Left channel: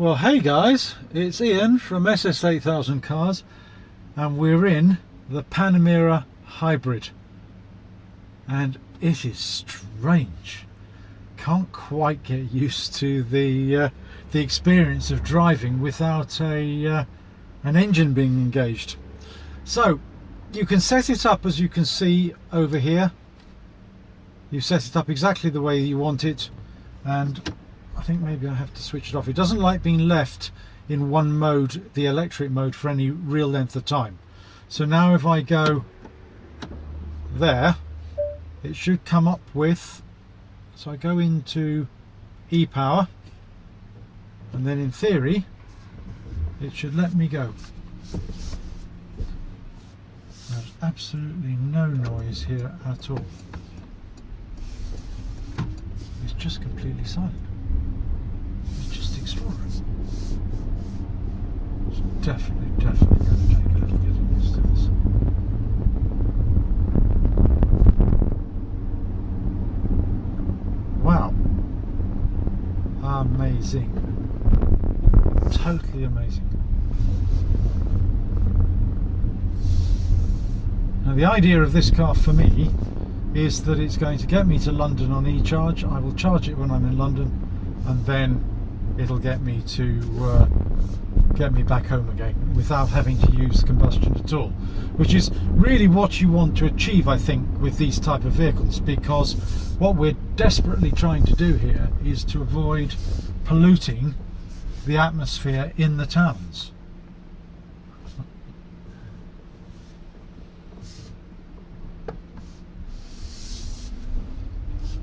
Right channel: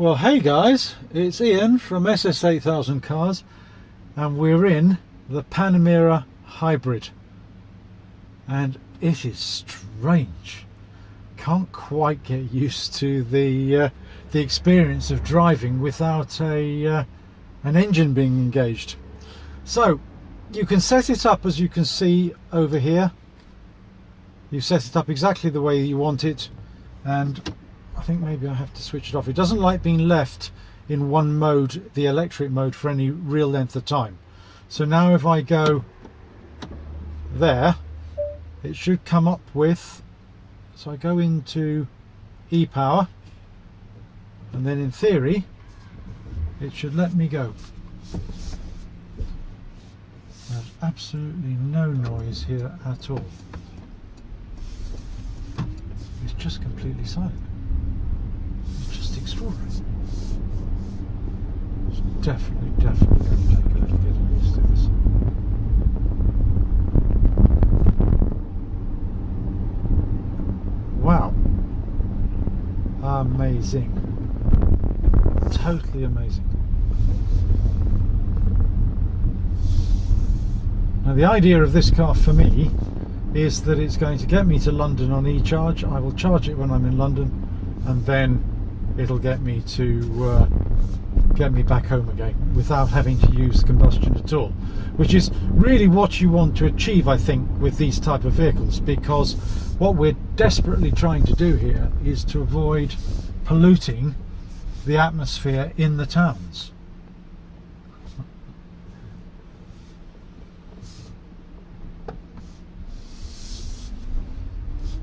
Well, hey guys, it's Ian from SS8000 Cars, and we're in the Panamera Hybrid, and it is strange. Can't quite get used to the experience of driving without an engine being engaged. So you can set it up, as you can see over here. You set it up exactly the way you want it, and I think maybe I have to switch it off. It doesn't like being left in one mode, the electric mode, for any real length of time. So now if I go there, it should come up with, so I go into e-power, and then in theory it should let me go. There's absolutely no noise here at all. It's just completely silent. Extraordinary. It's definitely going to take a little getting used to this. Wow, amazing, totally amazing. Now the idea of this car for me is that it's going to get me to London on e-charge. I will charge it when I'm in London, and then it'll get me to get me back home again without having to use combustion at all, which is really what you want to achieve, I think, with these type of vehicles, because what we're desperately trying to do here is to avoid polluting the atmosphere in the towns.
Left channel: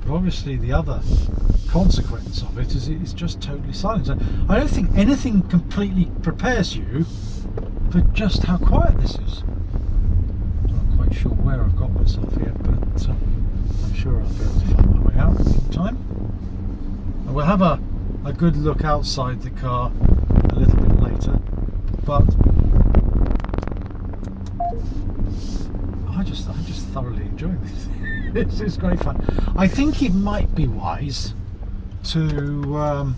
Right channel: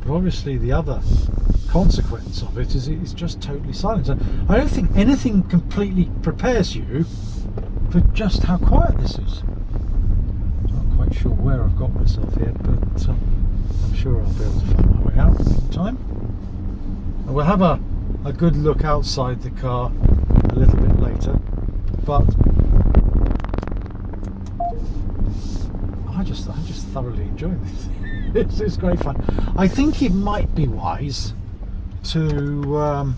But obviously the other consequence of it is it's just totally silent. So I don't think anything completely prepares you for just how quiet this is. I'm not quite sure where I've got myself here, but I'm sure I'll be able to find my way out in time. And we'll have a good look outside the car a little bit later, but I just thoroughly enjoy this. This is great fun. I think it might be wise to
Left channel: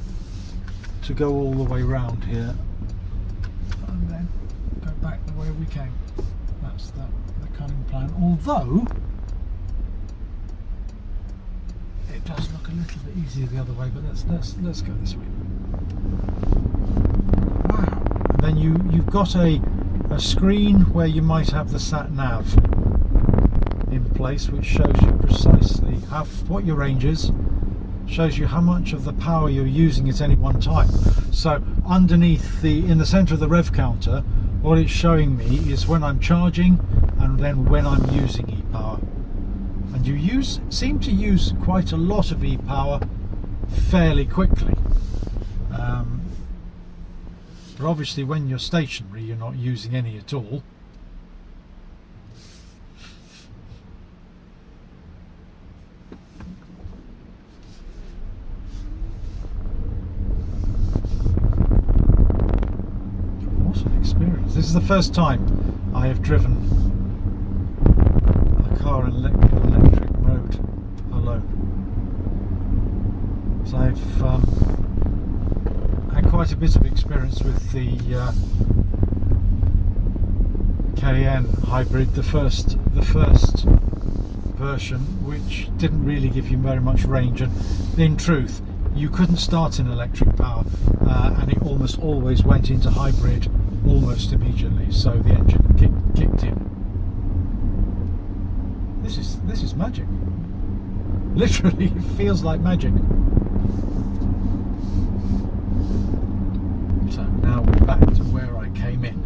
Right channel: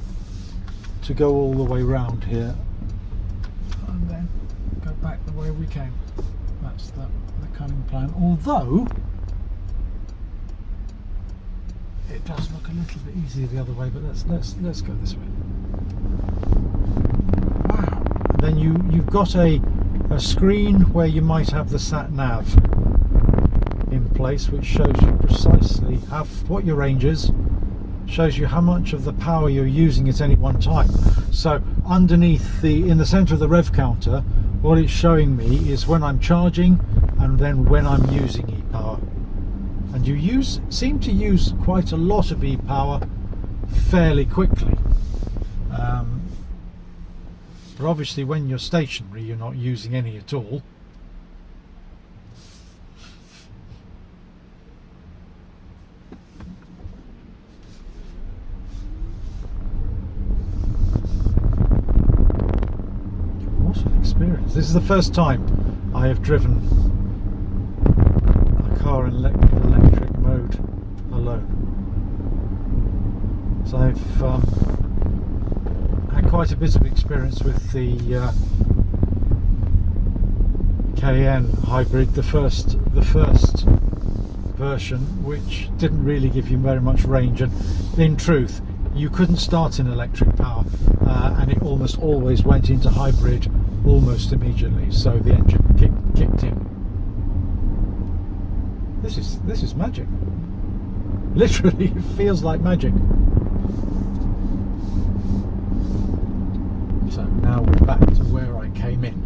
go all the way round here and then go back the way we came. That's the cunning plan. Although it does look a little bit easier the other way, but let's go this way. Wow! And then you've got a screen where you might have the sat nav in place, which shows you precisely what your range is. Shows you how much of the power you're using at any one time. So underneath in the center of the rev counter, what it's showing me is when I'm charging and then when I'm using e-power. And you seem to use quite a lot of e-power fairly quickly. But obviously when you're stationary, you're not using any at all. Experience. This is the first time I have driven a car in electric mode alone. So I've had quite a bit of experience with the Cayenne hybrid, the first version, which didn't really give you very much range, and in truth you couldn't start in electric power, and it almost always went into hybrid almost immediately, so the engine kicked in. This is magic. Literally, it feels like magic. So now we're back to where I came in.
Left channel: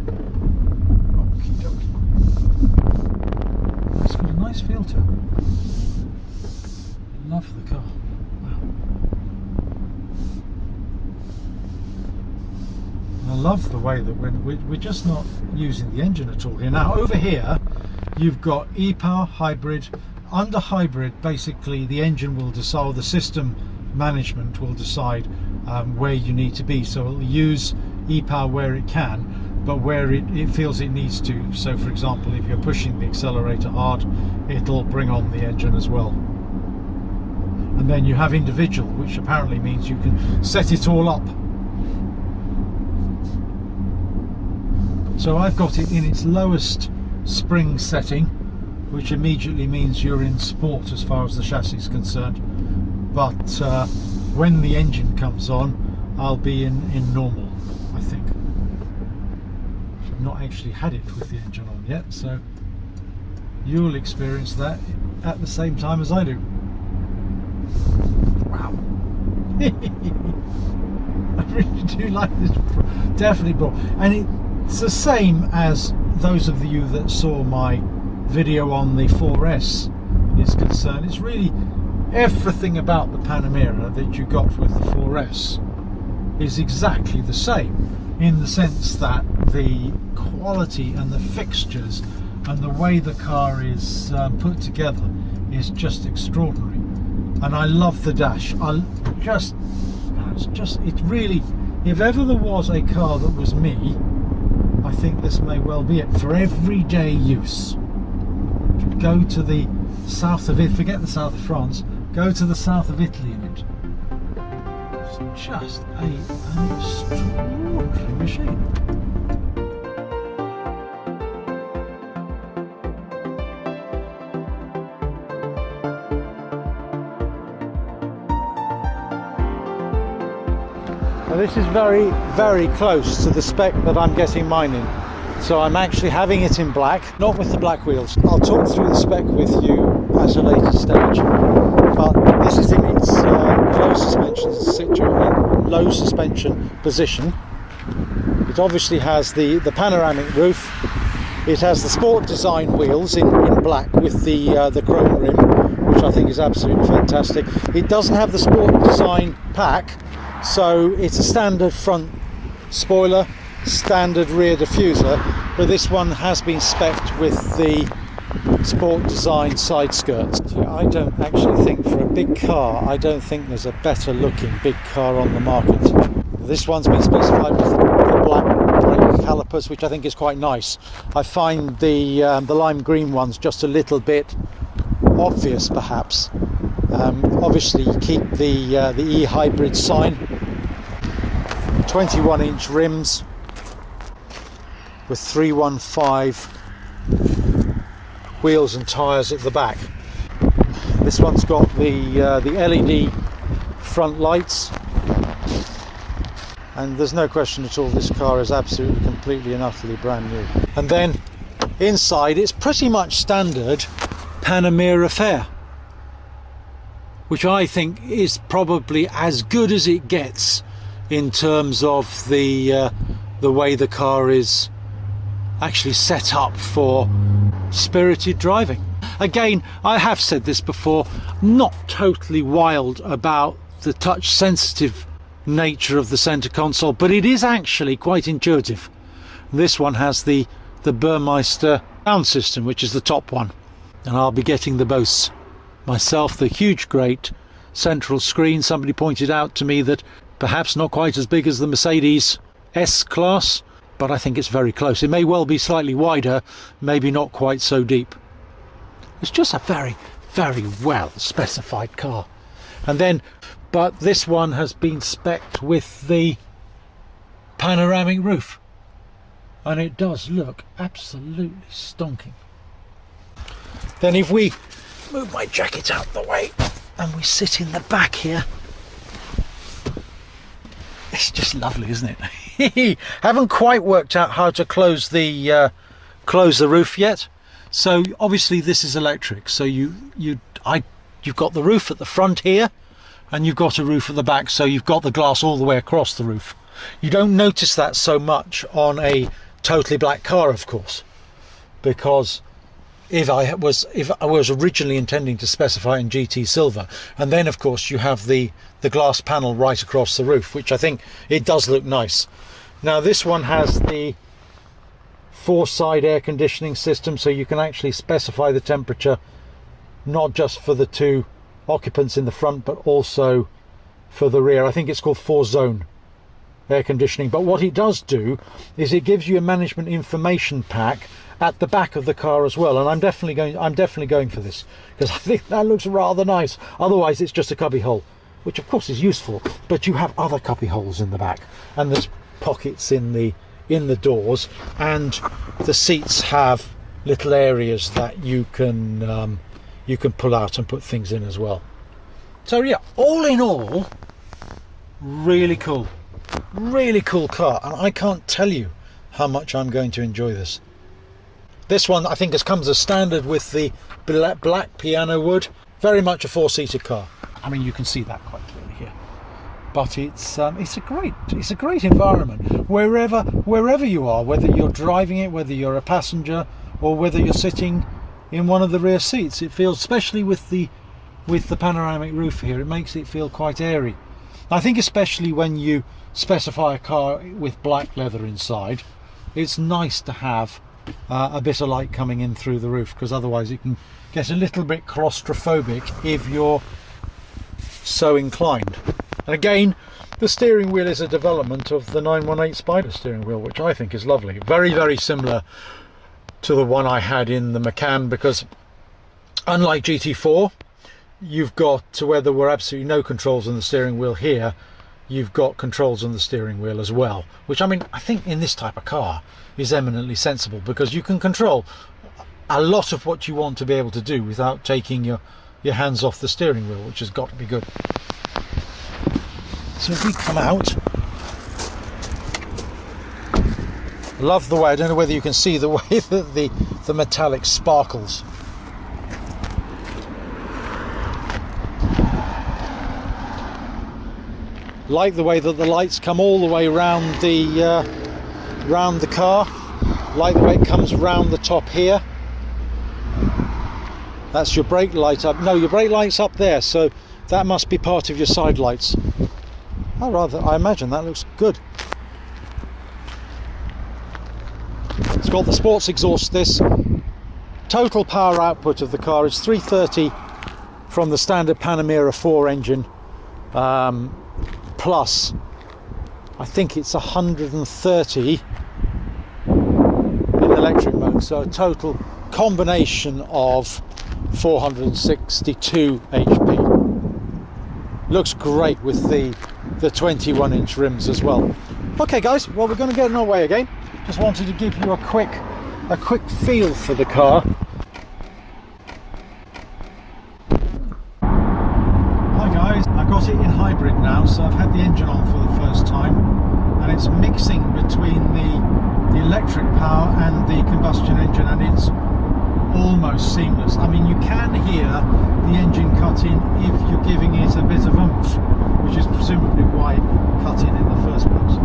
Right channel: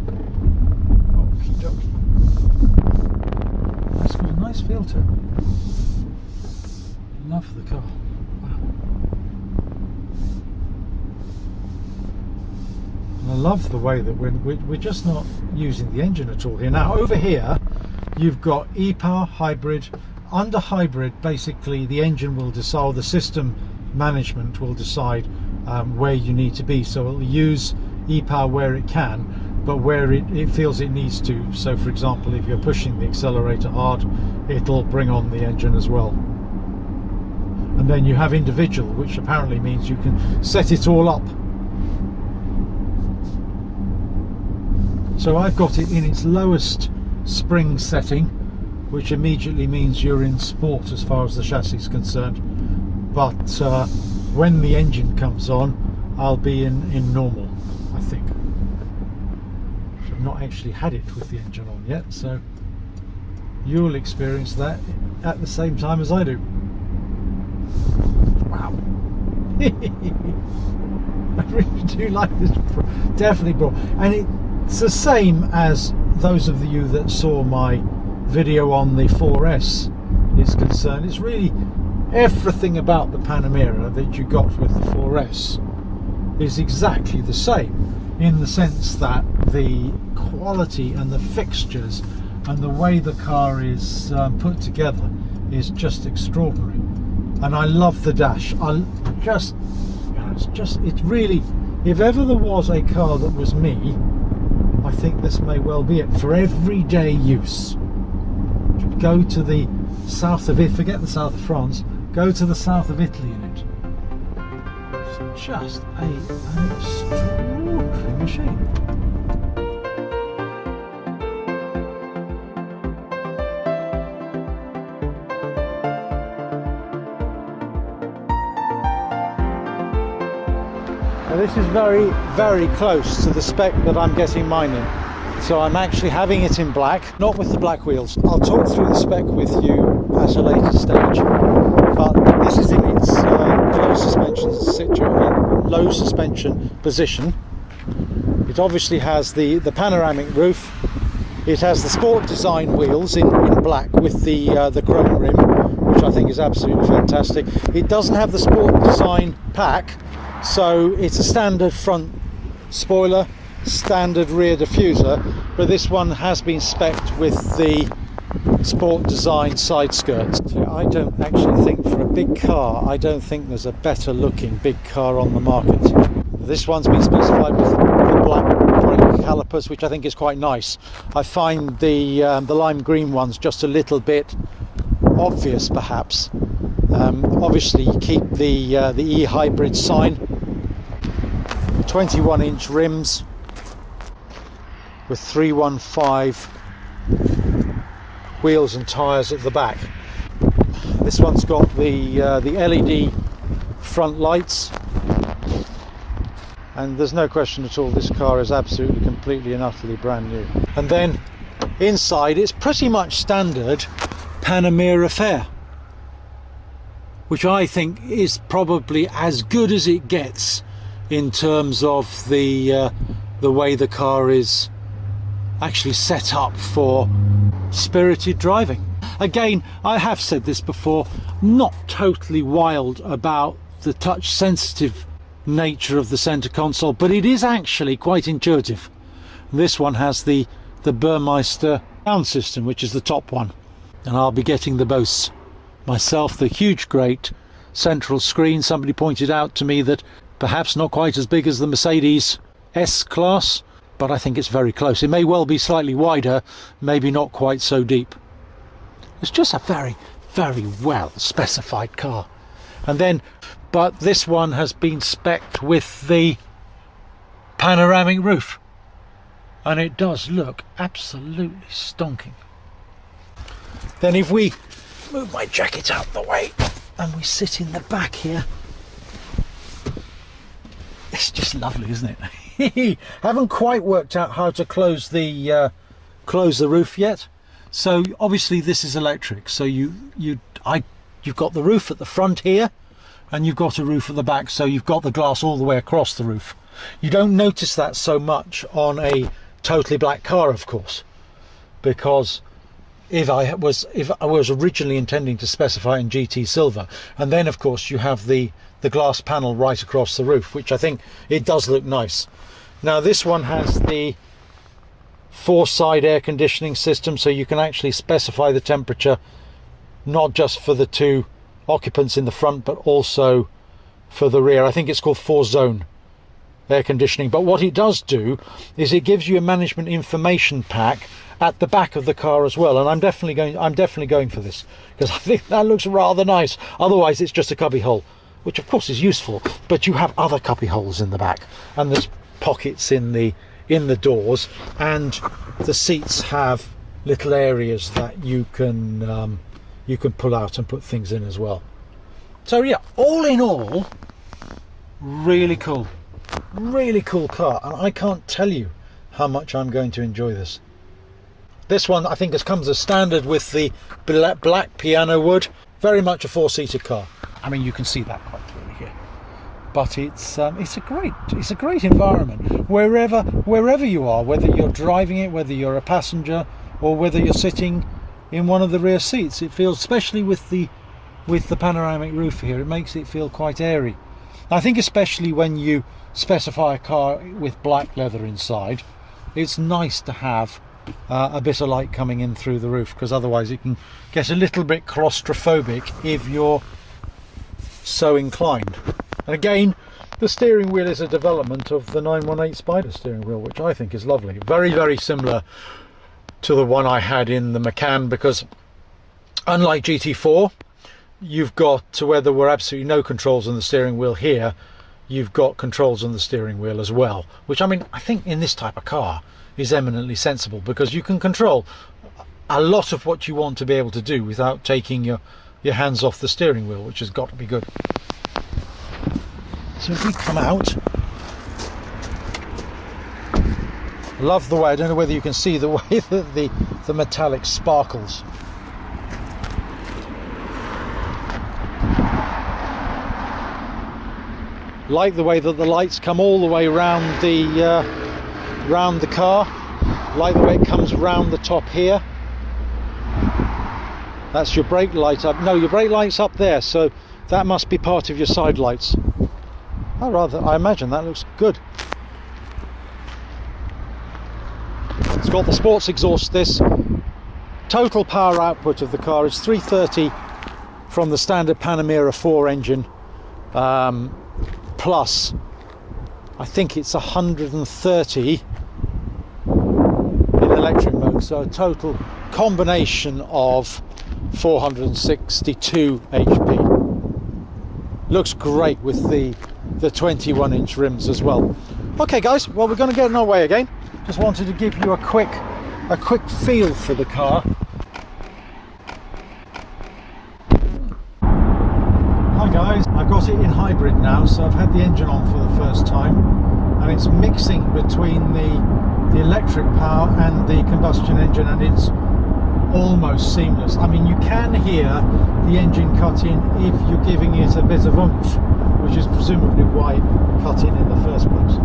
Okie dokie. That's got a nice feel to it. Love the car. I love the way that we're just not using the engine at all here. Now over here you've got e-power, hybrid. Under hybrid, basically the engine will decide, or the system management will decide where you need to be. So it'll use e-power where it can, but where it feels it needs to. So for example, if you're pushing the accelerator hard, it'll bring on the engine as well. And then you have individual, which apparently means you can set it all up So I've got it in its lowest spring setting, which immediately means you're in sport as far as the chassis is concerned. But when the engine comes on, I'll be in normal, I think. I've not actually had it with the engine on yet, so you'll experience that at the same time as I do. Wow. I really do like this, definitely broad. And it's the same as those of you that saw my video on the 4S is concerned. It's really everything about the Panamera that you got with the 4S is exactly the same, in the sense that the quality and the fixtures and the way the car is put together is just extraordinary. And I love the dash. It's really, if ever there was a car that was me, I think this may well be it for everyday use. Go to the south of it, forget the south of France, go to the south of Italy in it. It's just an extraordinary machine. Now this is very, very close to the spec that I'm getting mine in. So I'm actually having it in black, not with the black wheels. I'll talk through the spec with you at a later stage. But this is in its low suspension position. It obviously has the panoramic roof. It has the sport design wheels in black with the chrome rim, which I think is absolutely fantastic. It doesn't have the sport design pack, so it's a standard front spoiler, standard rear diffuser, but this one has been spec'd with the sport design side skirts. So I don't actually think, for a big car, I don't think there's a better looking big car on the market. This one's been specified with the black brake calipers, which I think is quite nice. I find the lime green ones just a little bit obvious, perhaps. Obviously you keep the E-Hybrid sign, 21-inch rims with 315 wheels and tyres at the back. This one's got the LED front lights, and there's no question at all this car is absolutely, completely and utterly brand new. And then inside it's pretty much standard Panamera fare, which I think is probably as good as it gets in terms of the way the car is actually set up for spirited driving. Again, I have said this before, not totally wild about the touch sensitive nature of the center console, but it is actually quite intuitive. This one has the Burmeister sound system, which is the top one, and I'll be getting the Bose myself, the huge great central screen. Somebody pointed out to me that perhaps not quite as big as the Mercedes S-Class, but I think it's very close. It may well be slightly wider, maybe not quite so deep. It's just a very, very well specified car. And then, but this one has been spec'd with the panoramic roof, and it does look absolutely stonking. Then if we move my jacket out the way and we sit in the back here, it's just lovely, isn't it? Haven't quite worked out how to close the roof yet. So obviously this is electric. So you've got the roof at the front here, and you've got a roof at the back. So you've got the glass all the way across the roof. You don't notice that so much on a totally black car, of course, because if I was originally intending to specify in GT silver, and then of course you have the glass panel right across the roof, which I think it does look nice. Now this one has the 4-side air conditioning system, so you can actually specify the temperature not just for the 2 occupants in the front but also for the rear. I think it's called 4-zone air conditioning, but what it does do is it gives you a management information pack at the back of the car as well, and I'm definitely going for this, because I think that looks rather nice. Otherwise it's just a cubby hole, which of course is useful, but you have other cubby holes in the back, and there's pockets in the in the doors, and the seats have little areas that you can pull out and put things in as well. So yeah, all in all, really cool car, and I can't tell you how much I'm going to enjoy this. This one I think comes as standard with the black piano wood. Very much a four-seater car. I mean, you can see that quite clearly here. But it's a great environment wherever you are, whether you're driving it, whether you're a passenger, or whether you're sitting in one of the rear seats. It feels, especially with the panoramic roof here, it makes it feel quite airy. I think especially when you specify a car with black leather inside, it's nice to have a bit of light coming in through the roof, because otherwise it can get a little bit claustrophobic if you're so inclined. And again, the steering wheel is a development of the 918 Spider steering wheel, which I think is lovely. Very, very similar to the one I had in the Macan, because unlike GT4, you've got to where there were absolutely no controls on the steering wheel, here you've got controls on the steering wheel as well, which, I mean, I think in this type of car is eminently sensible, because you can control a lot of what you want to be able to do without taking your hands off the steering wheel, which has got to be good. So if we come out, I love the way, I don't know whether you can see the way that the metallic sparkles. Like the way that the lights come all the way round the car, like the way it comes round the top here. That's your brake light up. No, your brake light's up there, so that must be part of your side lights. I imagine that looks good. It's got the sports exhaust. This total power output of the car is 330 from the standard Panamera 4 engine, plus I think it's 130 in electric mode, so a total combination of 462 HP. Looks great with the 21-inch rims as well. Okay guys, well, we're going to get on our way again. Just wanted to give you a quick feel for the car. Hi guys, I've got it in hybrid now, so I've had the engine on for the first time, and it's mixing between the electric power and the combustion engine, and it's almost seamless. I mean, you can hear the engine cut in if you're giving it a bit of oomph, which is presumably why it cut in the first place.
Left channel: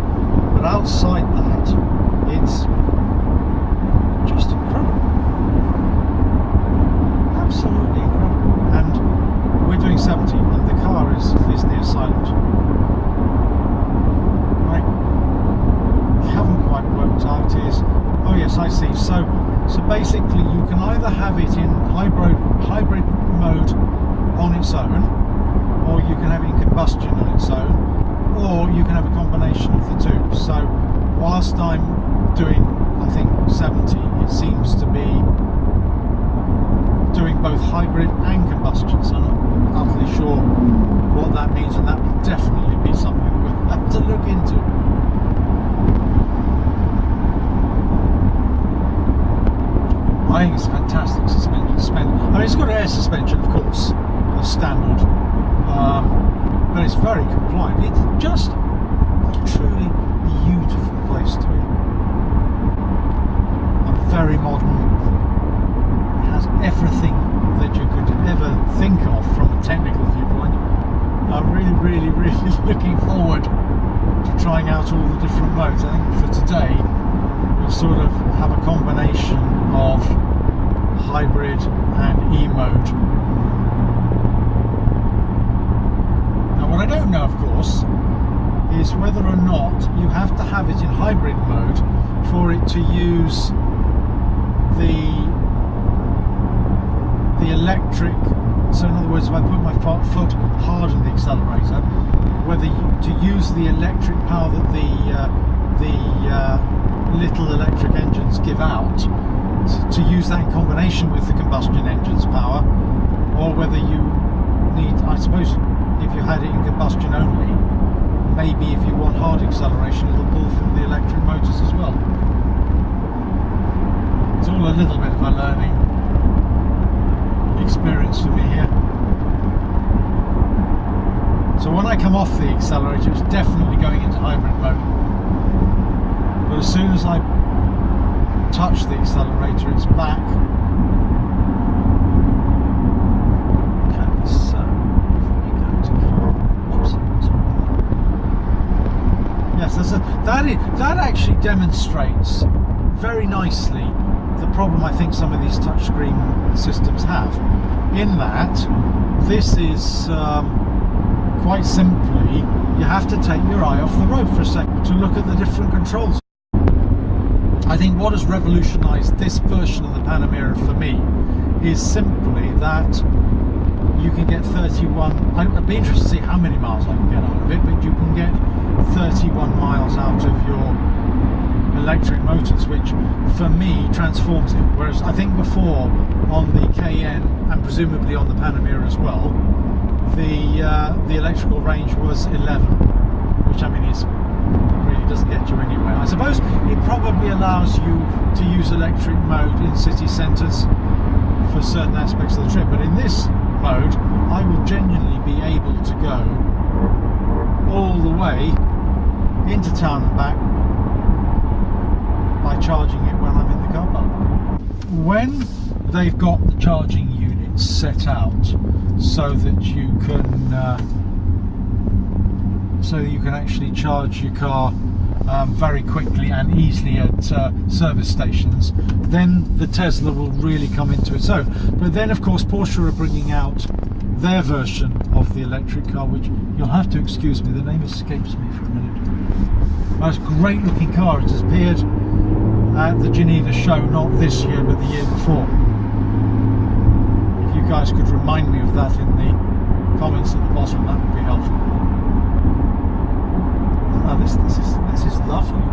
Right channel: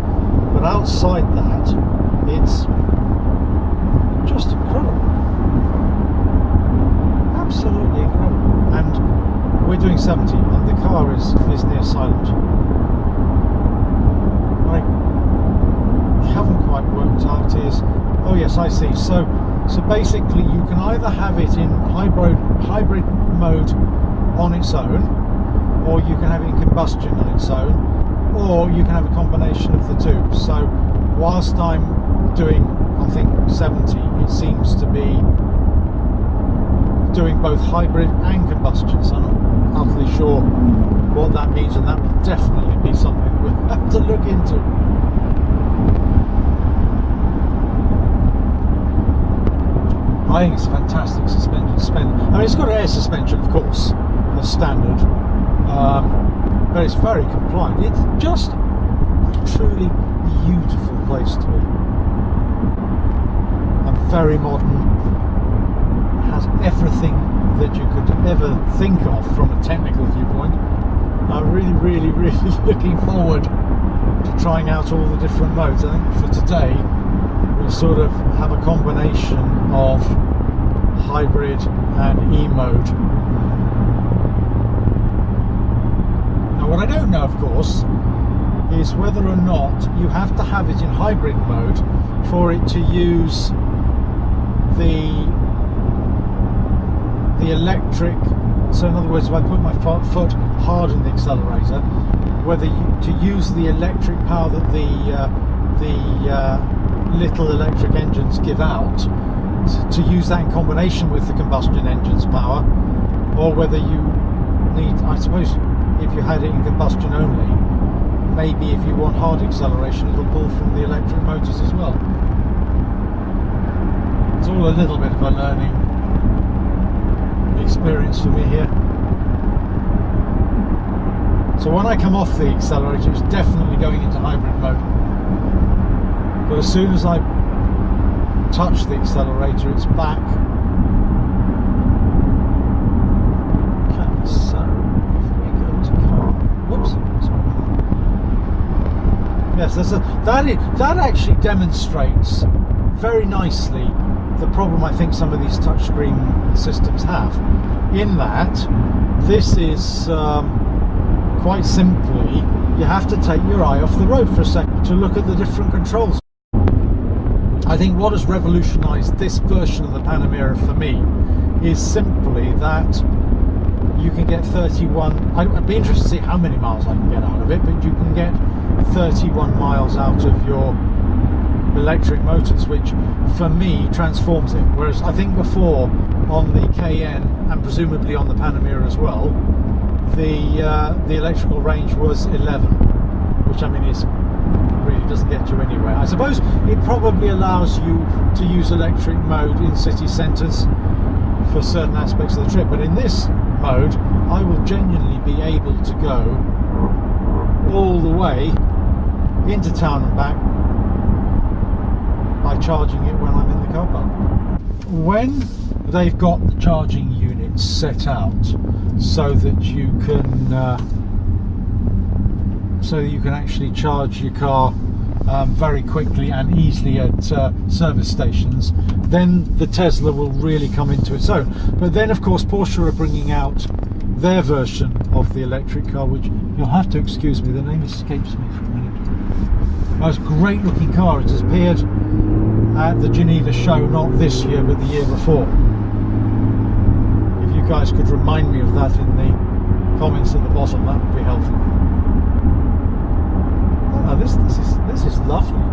But outside that, it's just incredible. Absolutely incredible. And we're doing 70, and the car is near silent. I haven't quite worked out is, oh yes, I see. So basically you can either have it in hybrid mode on its own, or you can have it in combustion on its own, or you can have a combination of the two. So whilst I'm doing, I think, 70, it seems to be doing both hybrid and combustion, so I'm not utterly sure what that means, and that will definitely be something that we'll have to look into. I think it's fantastic suspension. I mean, it's got air suspension, of course, as standard, but it's very compliant. It's just a truly beautiful place to be. And very modern. It has everything that you could ever think of from a technical viewpoint. I'm really looking forward to trying out all the different modes. I think for today we'll sort of have a combination of hybrid and E-mode. Now what I don't know, of course, is whether or not you have to have it in hybrid mode for it to use the electric. So in other words, if I put my foot hard on the accelerator, whether to use the electric power that the little electric engines give out, to use that in combination with the combustion engine's power, or whether you need, I suppose, if you had it in combustion only, maybe if you want hard acceleration, it'll pull from the electric motors as well. It's all a little bit of a learning experience for me here. So when I come off the accelerator, it's definitely going into hybrid mode. But as soon as I touch the accelerator, it's back. Okay, so if we go to car, whoops, sorry about that. Yes, that actually demonstrates very nicely the problem I think some of these touchscreen systems have. In that, this is quite simply, you have to take your eye off the road for a second to look at the different controls. I think what has revolutionised this version of the Panamera for me is simply that you can get 31, I'd be interested to see how many miles I can get out of it, but you can get 31 miles out of your electric motors, which for me transforms it. Whereas I think before on the Cayenne and presumably on the Panamera as well, the electrical range was 11, which I mean is really doesn't get you anywhere. I suppose it probably allows you to use electric mode in city centres for certain aspects of the trip, but in this mode I will genuinely be able to go all the way into town and back by charging it when I'm in the car park. When they've got the charging units set out so that you can actually charge your car very quickly and easily at service stations, then the Tesla will really come into its own. But then of course Porsche are bringing out their version of the electric car, which you'll have to excuse me, the name escapes me for a minute. It was a great looking car. It has appeared at the Geneva show, not this year but the year before. If you guys could remind me of that in the comments at the bottom, that would be helpful. Oh, this is lovely.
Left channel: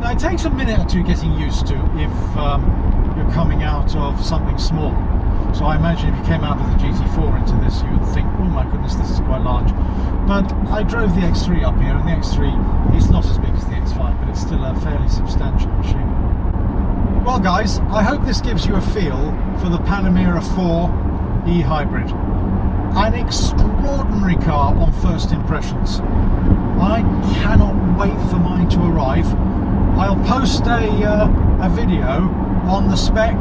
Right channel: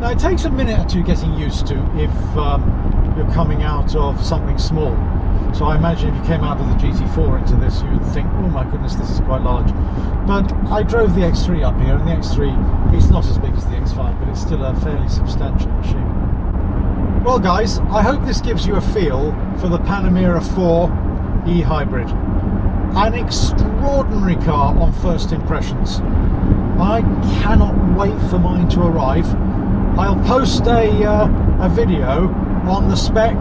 Now it takes a minute or two getting used to if you're coming out of something small. So I imagine if you came out of the GT4 into this, you would think, oh my goodness, this is quite large. But I drove the X3 up here, and the X3 is not as big as the X5, but it's still a fairly substantial machine. Well guys, I hope this gives you a feel for the Panamera E-Hybrid. An extraordinary car on first impressions. I cannot wait for mine to arrive. I'll post a video on the spec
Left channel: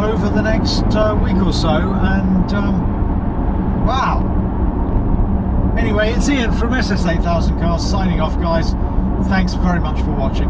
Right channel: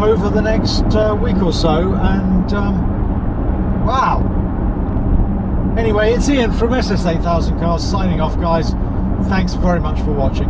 over the next week or so, and wow. Anyway, it's Ian from SS8000 Cars signing off, guys. Thanks very much for watching.